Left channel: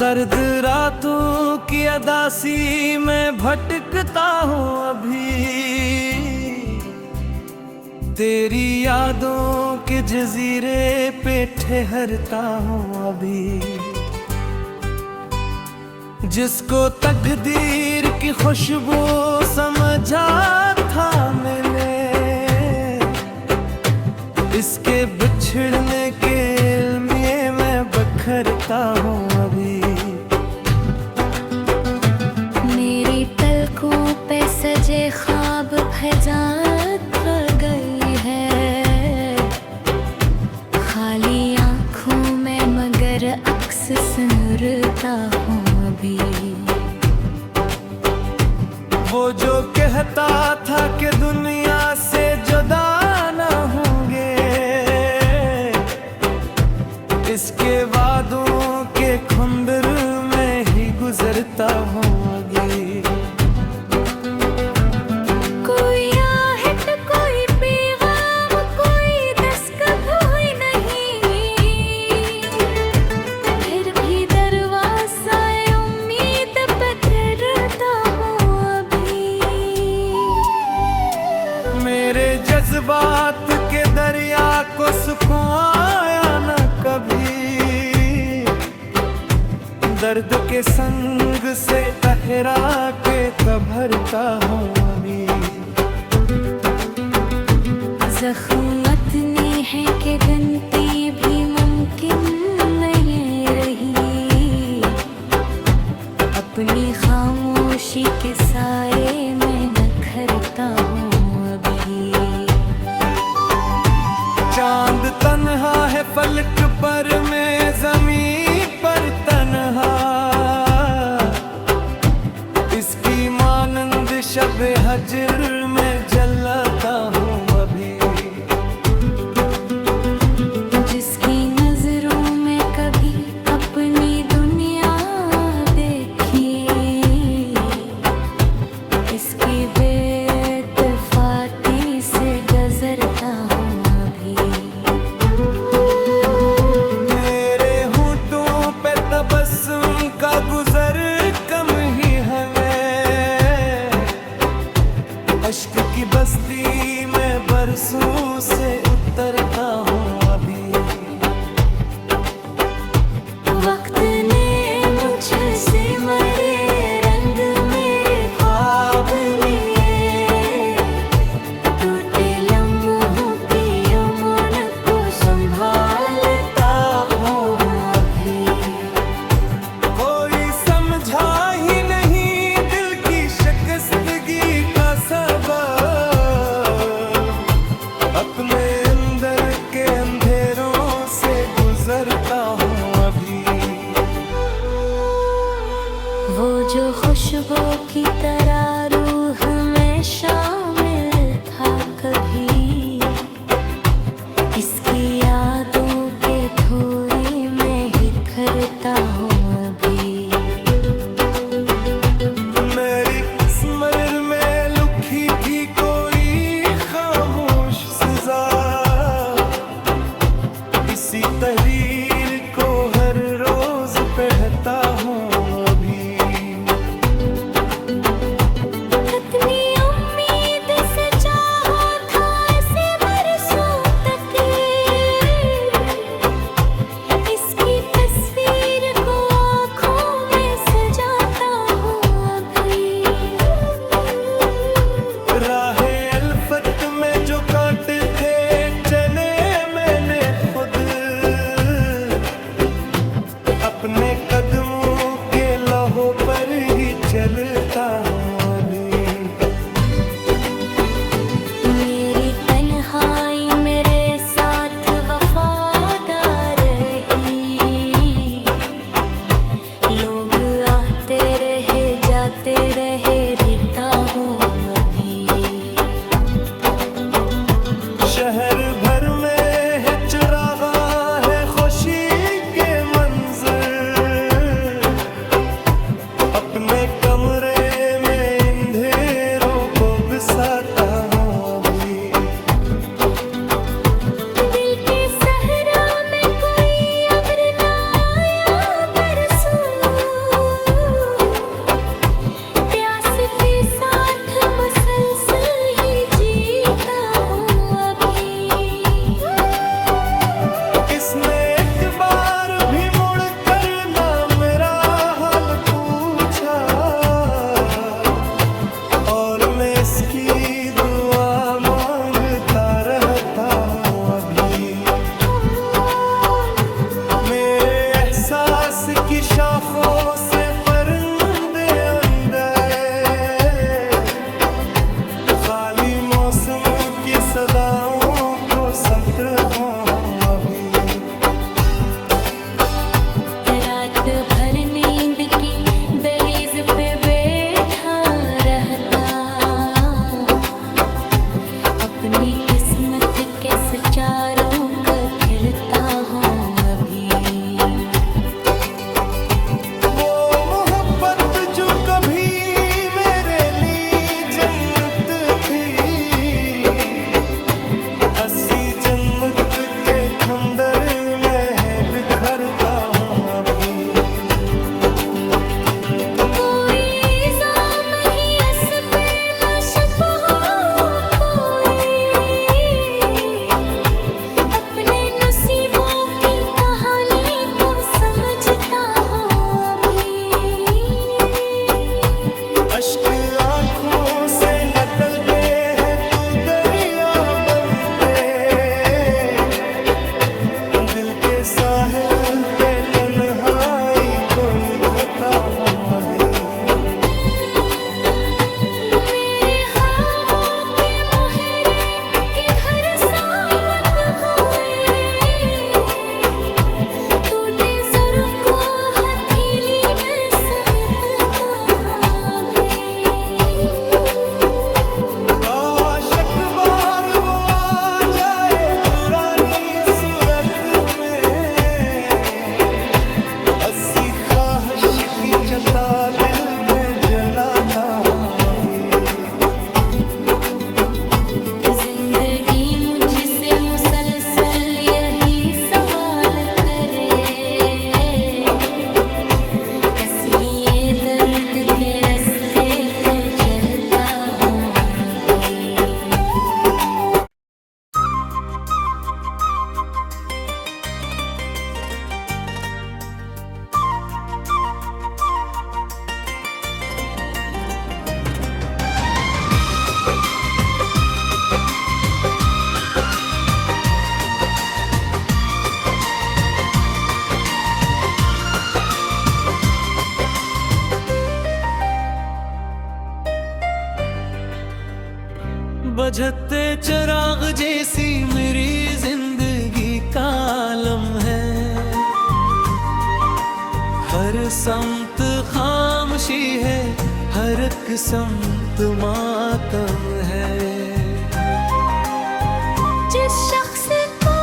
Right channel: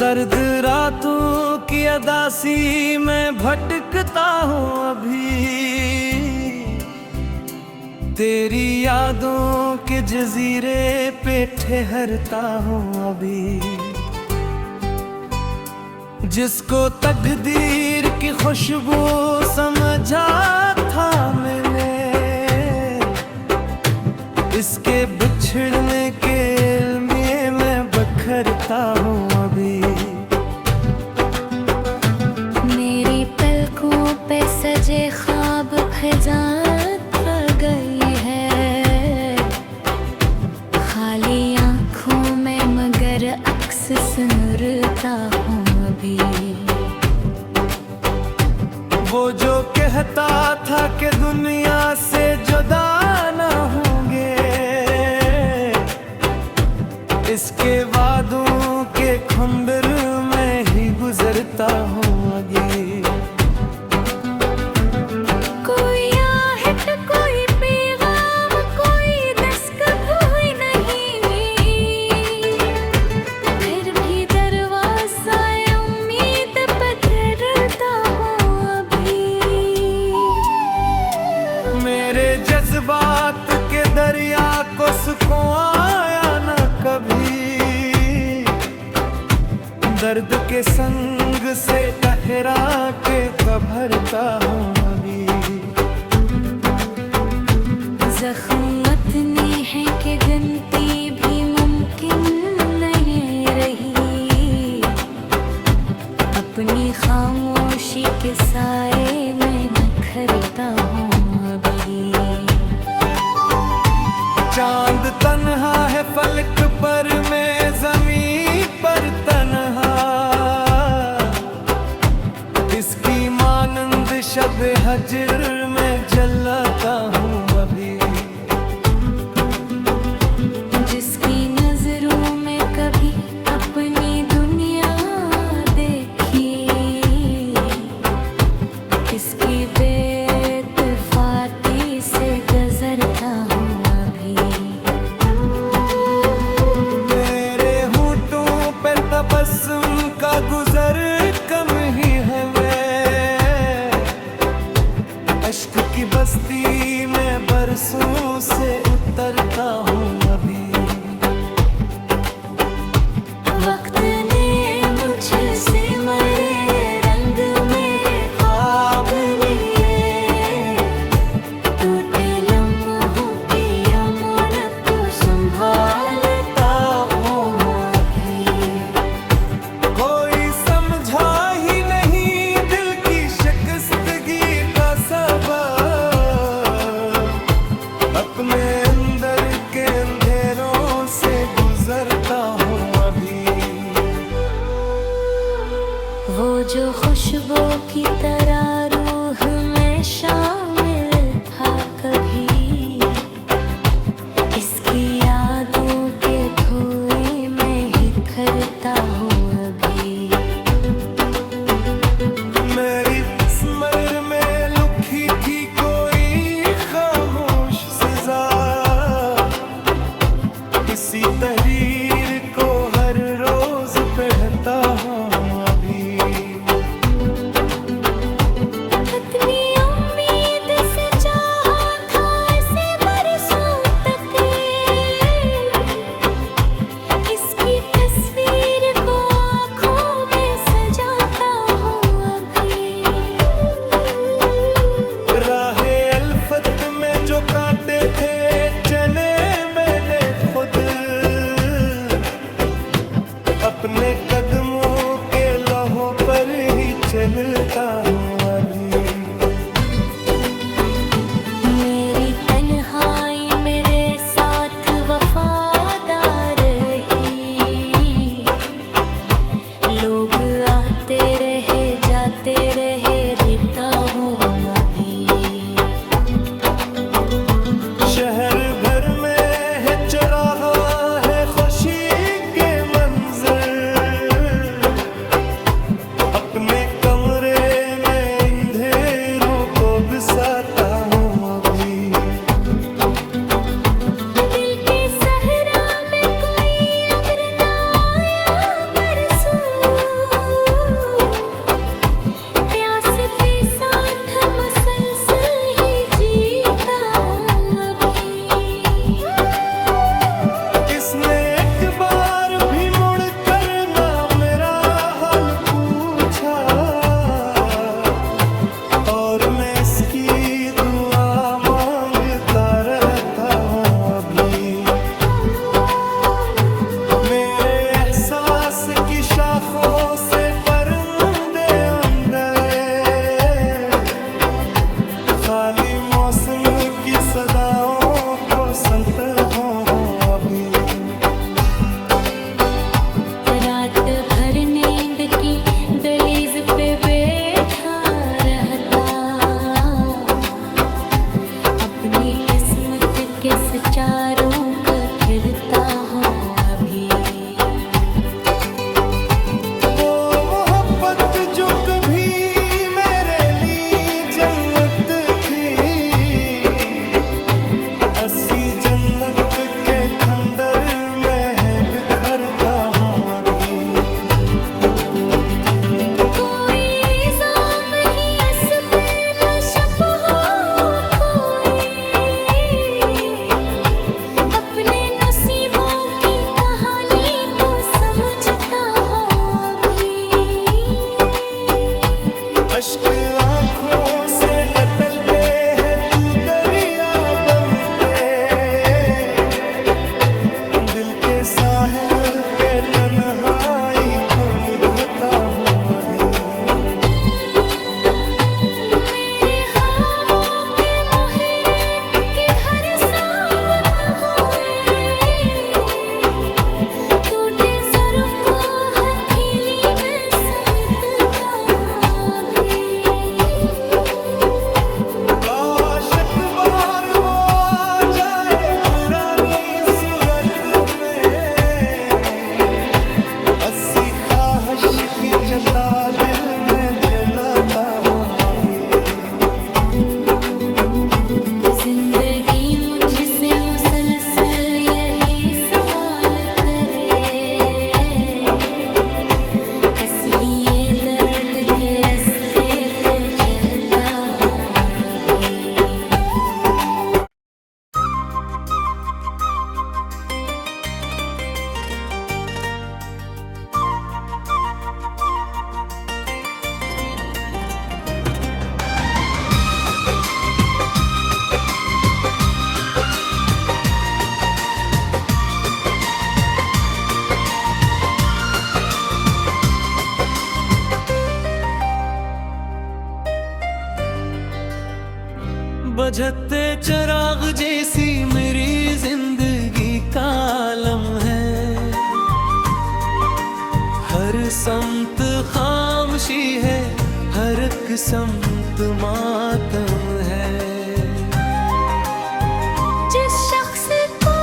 सर्द रातों की अदासी में भटकता हूँ अभी, तेरी यादों के जजीरे पे ठहरता हूँ अभी। जिसको तकदीर की खुशबू समझा था मैंने, इसके बिछड़ने के लिए मैं बखरता हूँ अभी। मेरी पलकों पे सजे ख्वाब फजात गई है, खाली आँखों में मगर अक्स सुनरता हूँ अभी। वो जो कहता था कि दुनिया से जुदा न होंगे, इसके वादों के खुंदर में ही गुजरता हूँ अभी। कोई आहट कोई पैगाम कोई दस्तक हुई नहीं, फिर भी दरवाज़ा उम्मीद पे ठहरता हूँ अभी। मेरे जज्बात के दरिया को सुकून आया न कभी, दर्द के संग से ठहरा के भरता हूँ अभी। ज़ख्म इतने हैं कि गिनती भी मुमकिन नहीं रही, अपनी खामोशी के साए में निखरता हूँ अभी। चांद तन्हा है फलक पर, मैं ज़मीन पर तन्हा, इसकी मानंद शब हजर में जलता हूँ अभी। जिसकी नजरों में कभी अपनी दुनिया देखी, इसकी बेतफाती से गुजरता हूँ अभी। मेरे होठों पे तबस्सुम का गुजर कम ही हमें, अश्क की बस्ती में बरसों से उतरता हूँ अभी। वक्त ने मुझसे मरे रंग मेरे ख्वाब लिए, टूटे लम्हों की अमन को संभालता हूँ अभी। कोई समझा ही नहीं दिल की शिकस्तगी का सबब, अपने अंदर के अंधेरों से गुजरता हूँ अभी। वो जो खुशबू की तरह रूह में शामिल था कभी, इसकी यादों के धुएं में ही खरता हूँ अभी। मेरी स्मरण में लुकी थी कोई खामोश सजा, इसी तहरीर को हर रोज पढ़ता हूँ अभी। कितनी उम्मीद से चाहा था इसे बरसों तक, इसकी तस्वीर को आँखों में सजाता हूँ अभी। राहे अल्फत में जो कांटे थे चने मैंने खुद, अपने कदमों के लौहों पर ही चलता हूँ अभी। मेरी तन्हाई मेरे साथ वफादार रही, लोग आते रहे जाते रहे रहता हूँ अभी। शहर भर में है चरागा है खुशी के मंजर, अपने कमरे में अंधेरों को बिसाता हूँ अभी। दिल के सहरा में कोई अब्र ना आया बरसों सदाओं को संत हो अभी। रात भर नींद की दहलीज पे बैठा रहता, अपनी किस्मत के सितारों को खिलता हूँ अभी। वो मोहब्बत जो कभी मेरे लिए जन्नत थी, अस्सी जन्नत के खंडर में है बिखरता हूँ अभी। कोई इल्जाम ही इस पे न शप हो कोई, अपने नसीबों की कहानी को समझता हूँ अभी। अश्क आँखों से निकलते हैं तू दरिया बनते, दिल के साहिल पे तन्हाई को लिखता हूँ अभी। मेरे ख्वाबों के मोहरे किधर साबित हुए, टूटे ज़र्फ़ को हथेली में समेटता हूँ अभी। काश एक बार वो आ जाए पुरानी सूरत में, अस्सी ख्वाहिश की चता दिल में जलाता हूँ अभी। जिंदगी मुझसे मुसलसल यही सवाल करे, कसलिए दर्द के रास्ते पे चलता हूँ अभी। बजते चिराग जैसी मेरी जिंदगी का आलम है, हर समत खामोशी है, हर एक समत मातम है। जिस शख्स को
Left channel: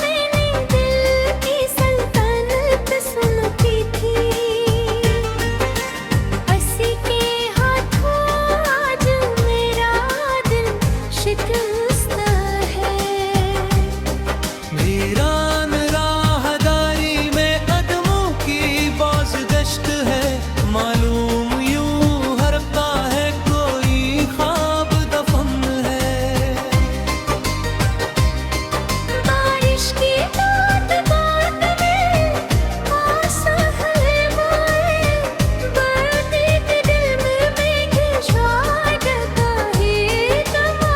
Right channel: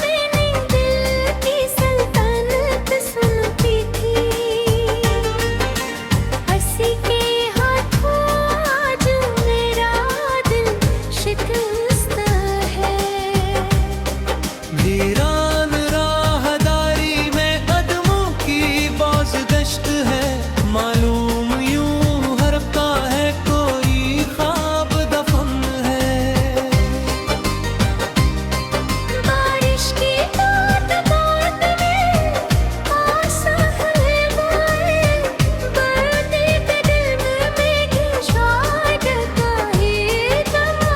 मैंने दिल की सल्तनत सुनती थी, हंसी के हाथों आज मेरा दिल शिकस्त है। वीरान राहदारी में कदमों की बाज़गश्त है, मालूम यूं हरता है कोई ख्वाब दफन है। बारिश की बात बात में आसा है माए, बढ़ते के दिल में मेघ शायद का ही दमा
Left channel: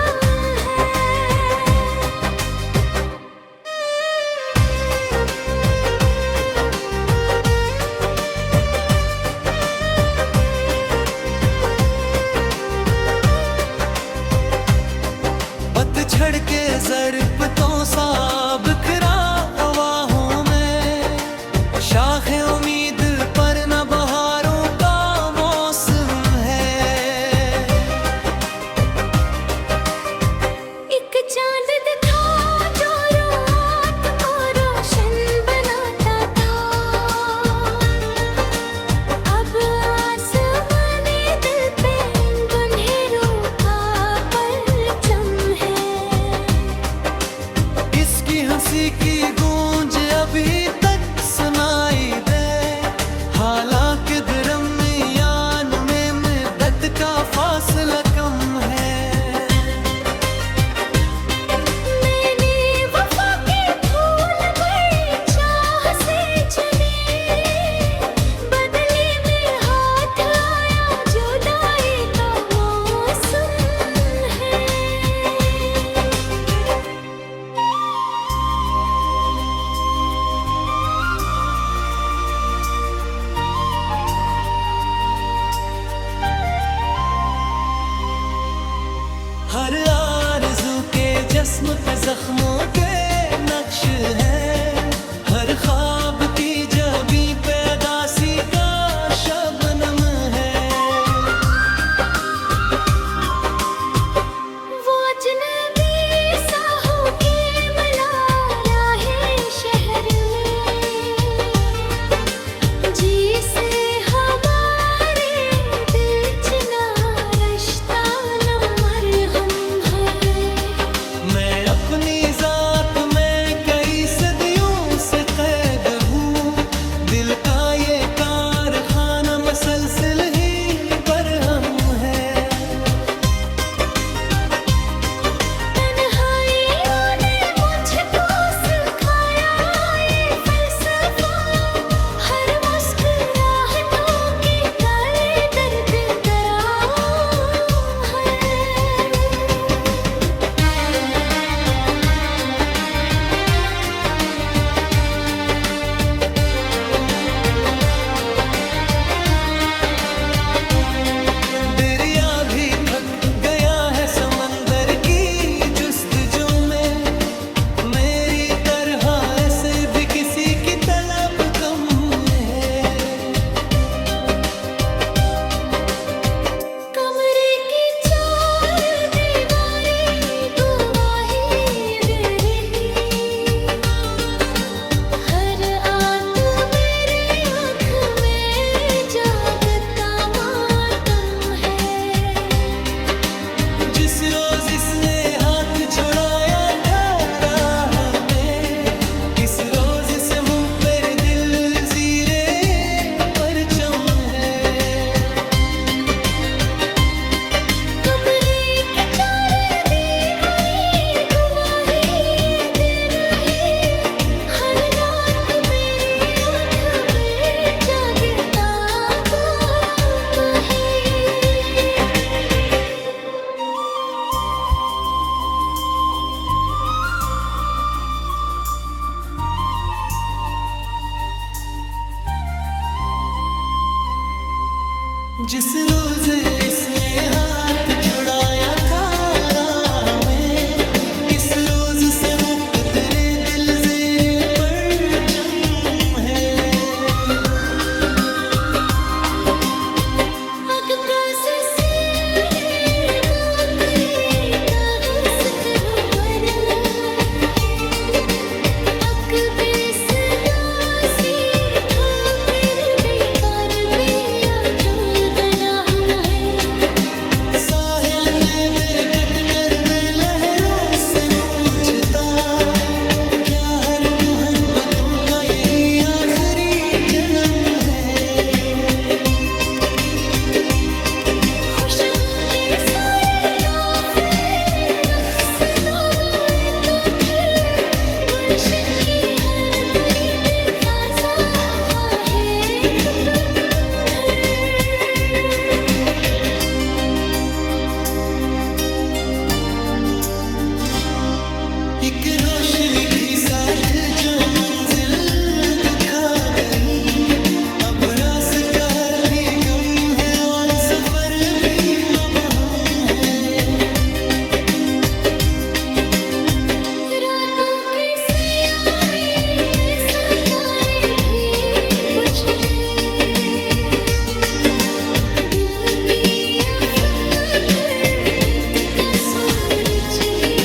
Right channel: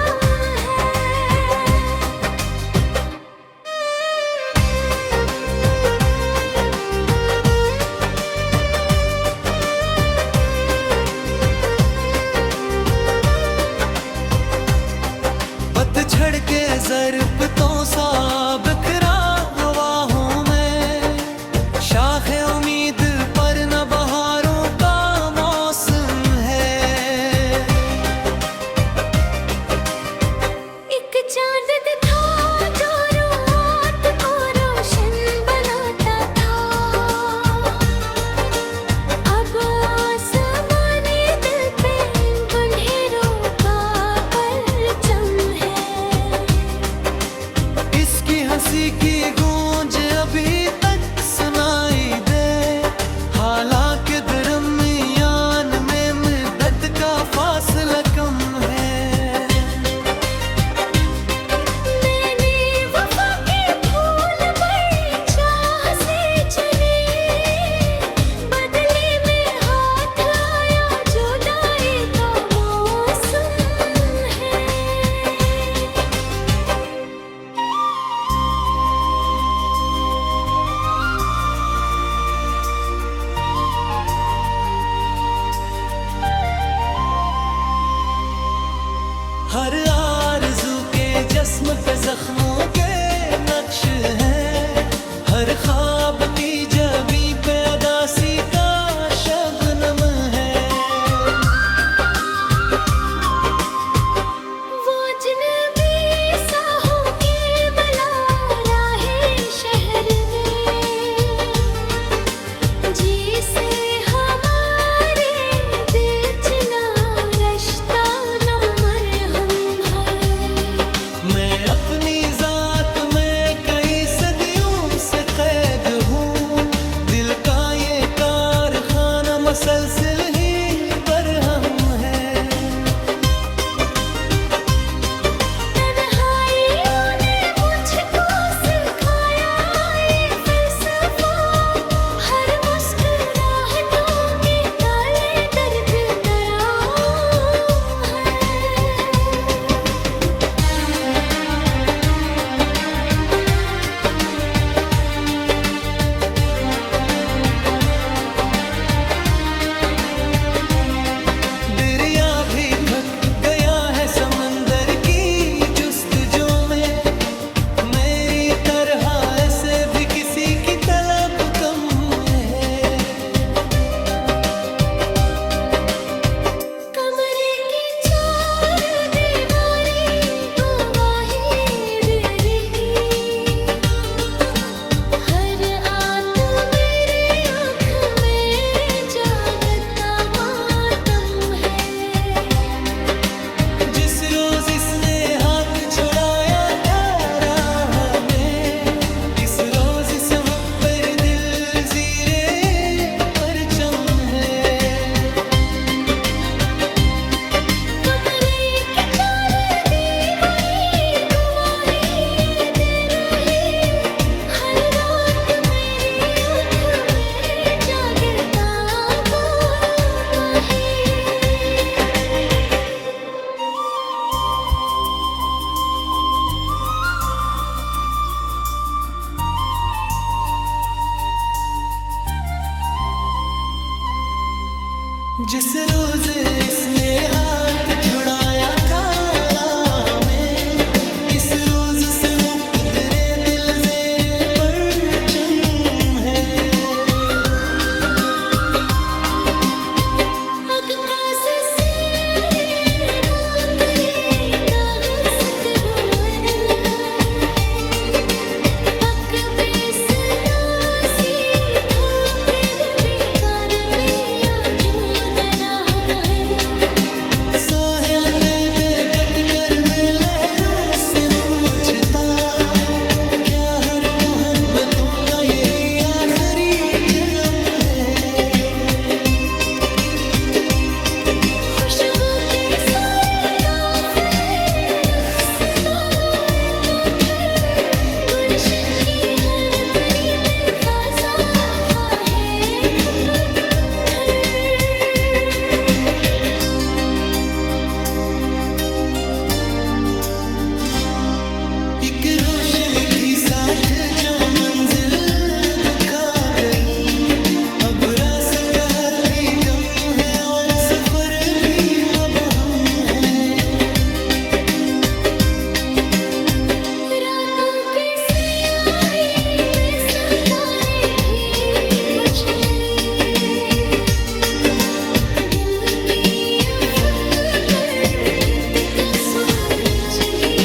पतझड़ के ज़रपतों सा बिखरा हवाओं में, शाखे उम्मीद पर न बहारों का मौसम है। एक चांद था जो रात को रोशन बनाता था, अब आसमाने दिल पे अंधेरों का परचम है। इसकी हंसी की गूंज अभी तक सुनाई दे, हालांकि दरमियान में मुद्दत का फासला कम है। मैंने वफा के फूल बड़ी चाह से चुने, बदले में हाथ आया जुदाई का मौसम है। जिस्म पे जख्मों के नक्श हैं, हर ख्वाब की जबी पे अदासी का शबनम है। वो अजनबी सा होके बुला राहे शहर में, जिसे हमारे दिल च ना रश्ता न मरहम है। मैं अपनी जात में कई सदियों से कैद हूँ, दिल का ये कारखाना मसलसिल ही बरहम है। तन्हाइयों ने मुझको सिखाया ये फलसफा, हर मुस्कुराहटों के काले दर्द दराओं है। दरिया भी थक गया है समंदर की जुस्तजू में, मेरी तरह ऐसे भी किसी की तलब कम है। कमरे की चार दीवारी गवाही दे रही, हर आत मेरे आँख में जागता मातम है। जिस रोज इसने हाथ छुड़ाया था राह में, इस रोज से हम पर दिल जीरे परचम है। कमरे की चार दीवारी गवाही दे रही, हर रात मेरी आँख में जागता माही। जिस रोज इसने हाथ छुड़ाया था राह में, इस रोज से मुकदरे दिल जेरे परचम है। साहिल दे दे कट कर मैं लहरों से पूछता, क्या हर मोहब्बतों का यही आखिरी जन्म है। खुशबू के सारे काफिले रफ्ता हुए तो फिर गुलशन की हर परी पे फाजा है खत्म है। एक रोशनी थी साथ जो मंजिल दुखा गई, अब रास्ता हर भी गम है और सफर भी मबहम है। रातों की स्याही में सितारे भी बुझ गए, दिल की अफक पर गिद्ध का सूरज ही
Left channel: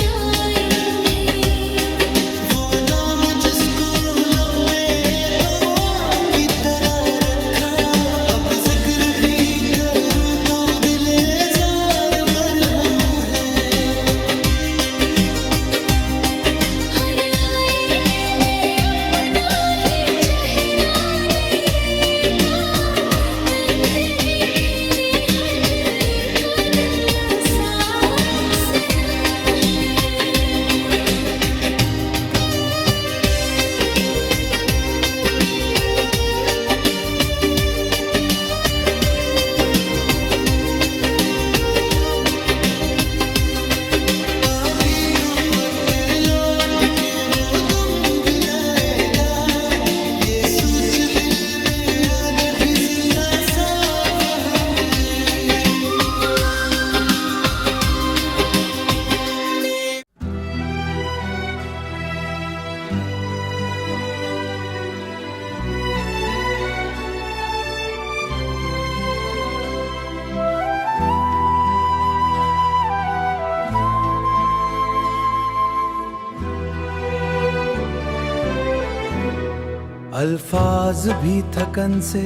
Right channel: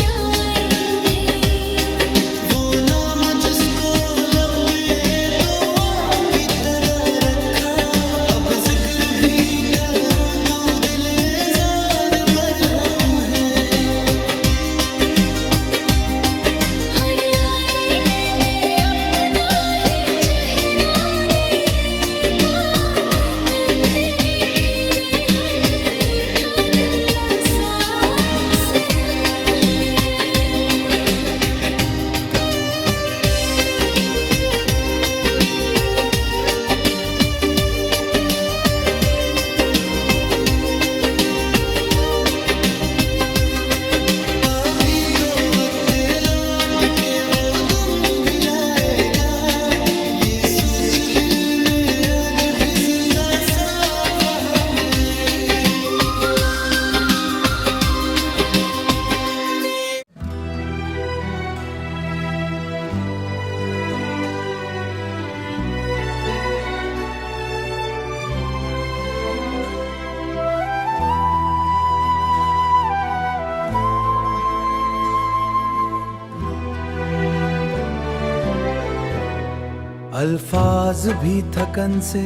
नाएंगे। वो नाम जिसको लब पे तो की तरह रखा, अब जिक्र भी करूं तो दिले जार अल्फाज भी थकन से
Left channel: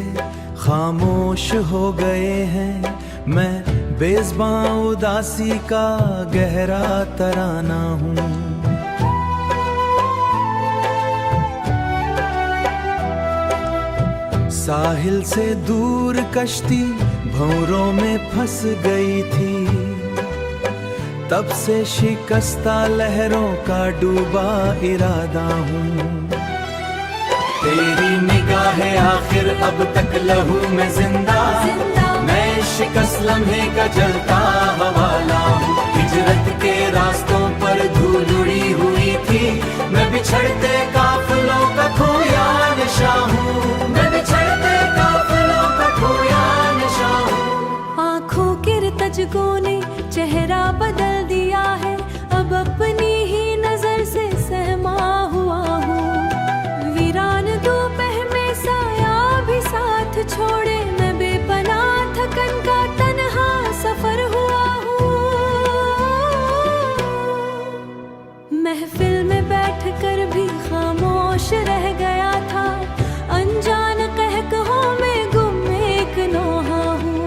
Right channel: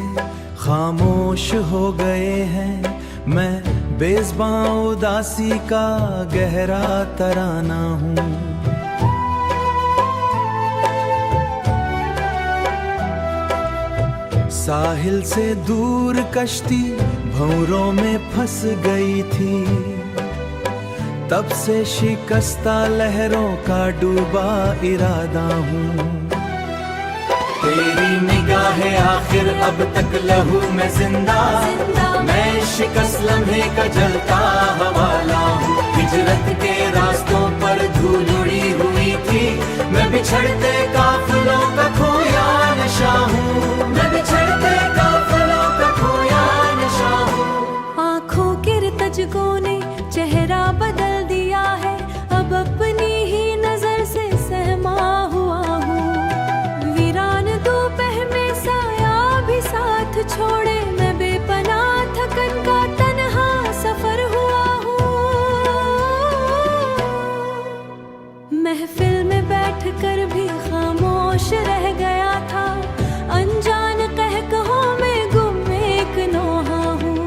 खामोश हो गए हैं, मैं बेज़बां उदासी का गहरा तराना हूँ। साहिल से दूर कश्ती भंवरों में फंस गई थी, तब से शिकस्ता लहरों का डूबा इरादा हूँ। तेरी निगाहें आखिर अब तक लहू में जिंदा, मैं शिकस्त लम्हे का जलता हवाला हूँ। हिजरत के रास्तों पर धूल उड़ी हुई थी, मैं बिछड़ते काफिलों का खोया नशा हूँ। मैं बिछड़ते काफिलों का खोया नशा हूँ। आँखों के रतजगों ने चेहरा बदल दिया है, अब अपनी ही नजर से सहमा हुआ हूँ। वीरान दोपहर में साया भी साथ छोड़े, मैं बेपनाह थकन का तन्हा सफर हुआ हूँ। महफिल में बैठकर भी खामोश रह गया था, अनजान कहकहों में गुम एक नौहा हूँ।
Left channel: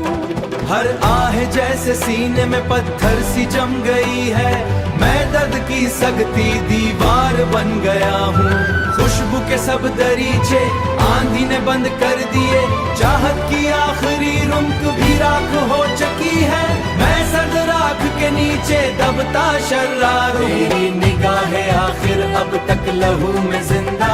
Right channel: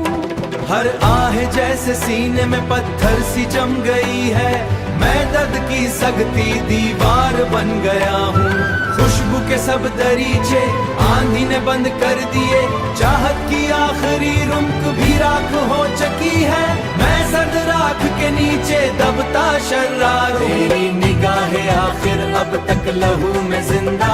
हर आह जैसे सीने में पत्थर सी जम गई है, मैं दर्द की सगती दीवार बन गया हूँ। खुशबू के सब दरीचे आंधी ने बंद कर दिए, चाहत की आखिरी रुमक भी राख हो चुकी है, मैं सर्द राख के नीचे दबता शर्रार हूँ। तेरी निगाहें आखिर अब तक लहू में जिंदा,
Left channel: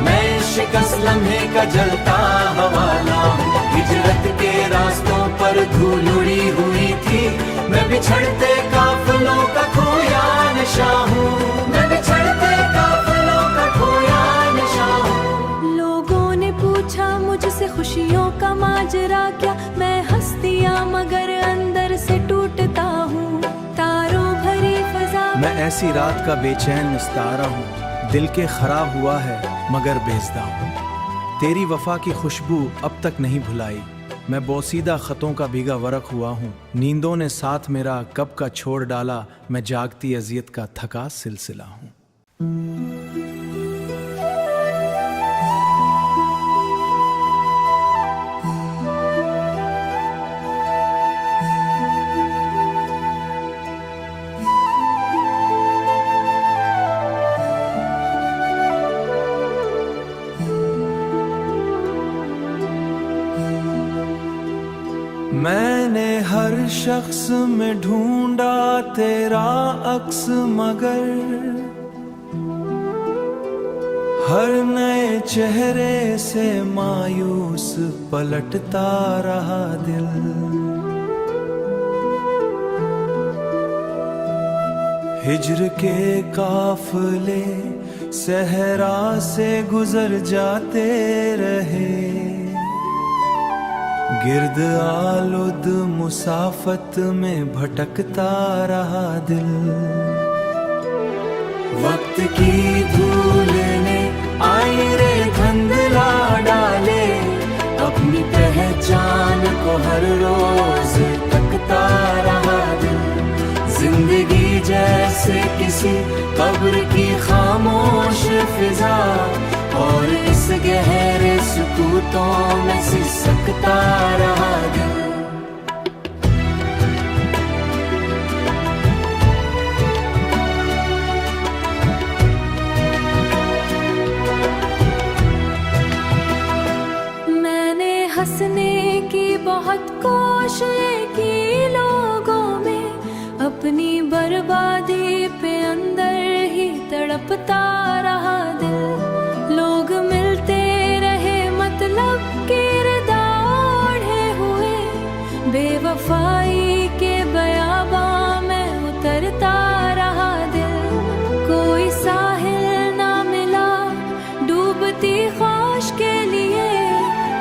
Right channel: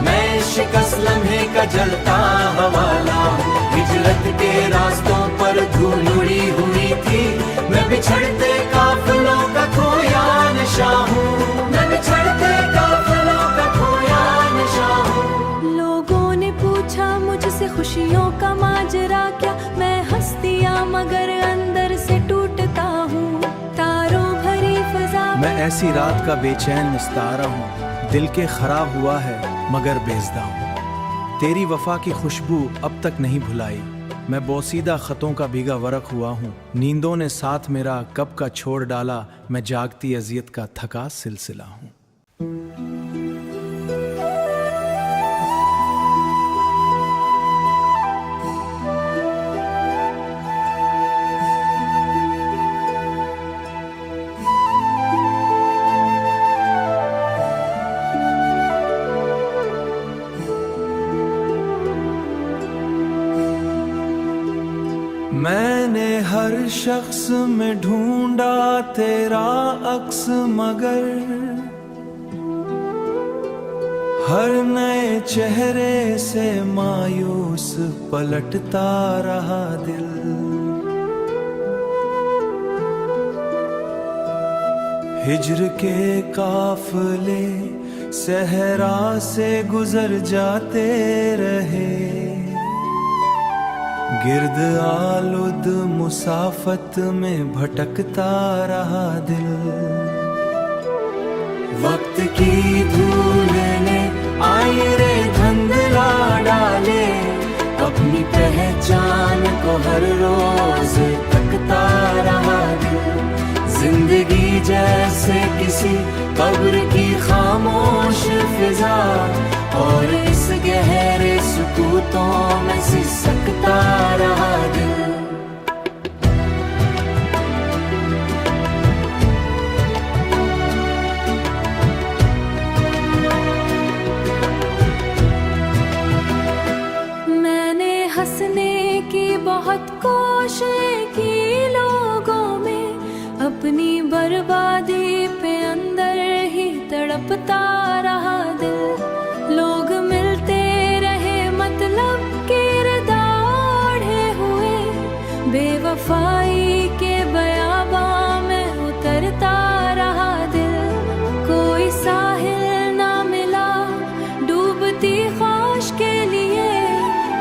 मैं शिकस्त लम्हे का जलता हवाला हूँ। हिजरत के रास्तों पर धूल उड़ी हुई थी, मैं बिछड़ते काफिलों का खोया नशा हूँ। मैं बिछड़ते काफिलों का खोया नशा हूँ। लोगों ने पूछा मुझसे खुशियों का माजरा क्या, मैं हंसतिया मगर अंदर से टूटता हूँ। तारों भरी फजा मैं ऐसी रात का बेचैन निस्तारा हूँ, दिल के खराब हुआ है मगर बेज़दा हूँ। तेरी वफा की खुशबू अब तक नहीं भुलाई, मैं बोसीदा खतों का भीगा वरक हुआ हूँ। नींदों ने साथ मेरा कब का छोड़ डाला, मैं जागती अजियत का थका सिलसिला हूँ। मैंने हर शख्स में ढूंढा तेरा अक्स, मगर हर नए चेहरे से मायूस पलटता रहा दिल। हिज्र के काफिले सहरा से गुजर जाते रहे, गिर्द आलुद मुसाफत में भटकता रहा दिल। वक्त की धूल ने आईरे धुंधला डाले, अपनी पहचान को हर रोज तकता रहा दिल। जिंदगी जैसे किसी कब्र की खामोश फिजा, और इस गहरे सुकूतों में सिसकता रहा दिल। मैंने हंसने की बहुत कोशिश की लोगों में, अपनी बर्बादी पे अंदर ही तड़पता रहा दिल। लोग मिलते रहे मतलब किरदा ओढ़े हुए, बेवफाई के बयाबां में उतरता रहा दिल। कोई साहिल ना मिला डूबती ख्वाहिश के लिए,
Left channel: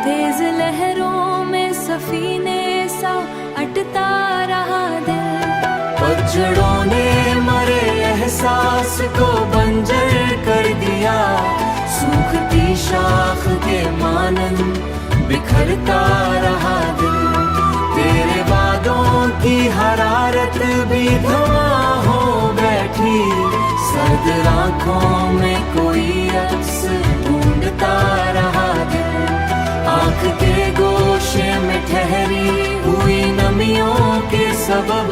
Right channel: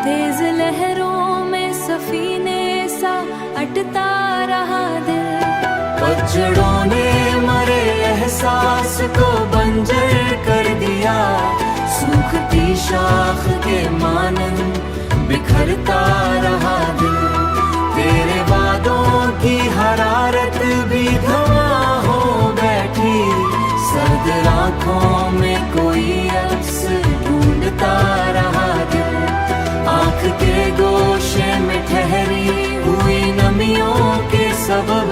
तेज लहरों में सफीने सा अटता रहा दिल। पतझड़ों ने मरे एहसास को बंजर कर दिया, सूखती शाख के मानंद बिखरता रहा दिल। तेरे वादों की हरारत भी धुआं हो बैठी, सर्द आँखों में कोई अक्स ढूंढता बहता रहा दिल। आँख के गोशे में ठहरी हुई नमियों के सबब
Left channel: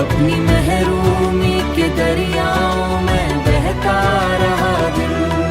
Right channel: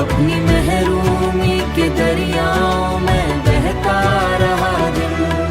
अपनी महरूमी के दरियाओं में बहता रहा दिल।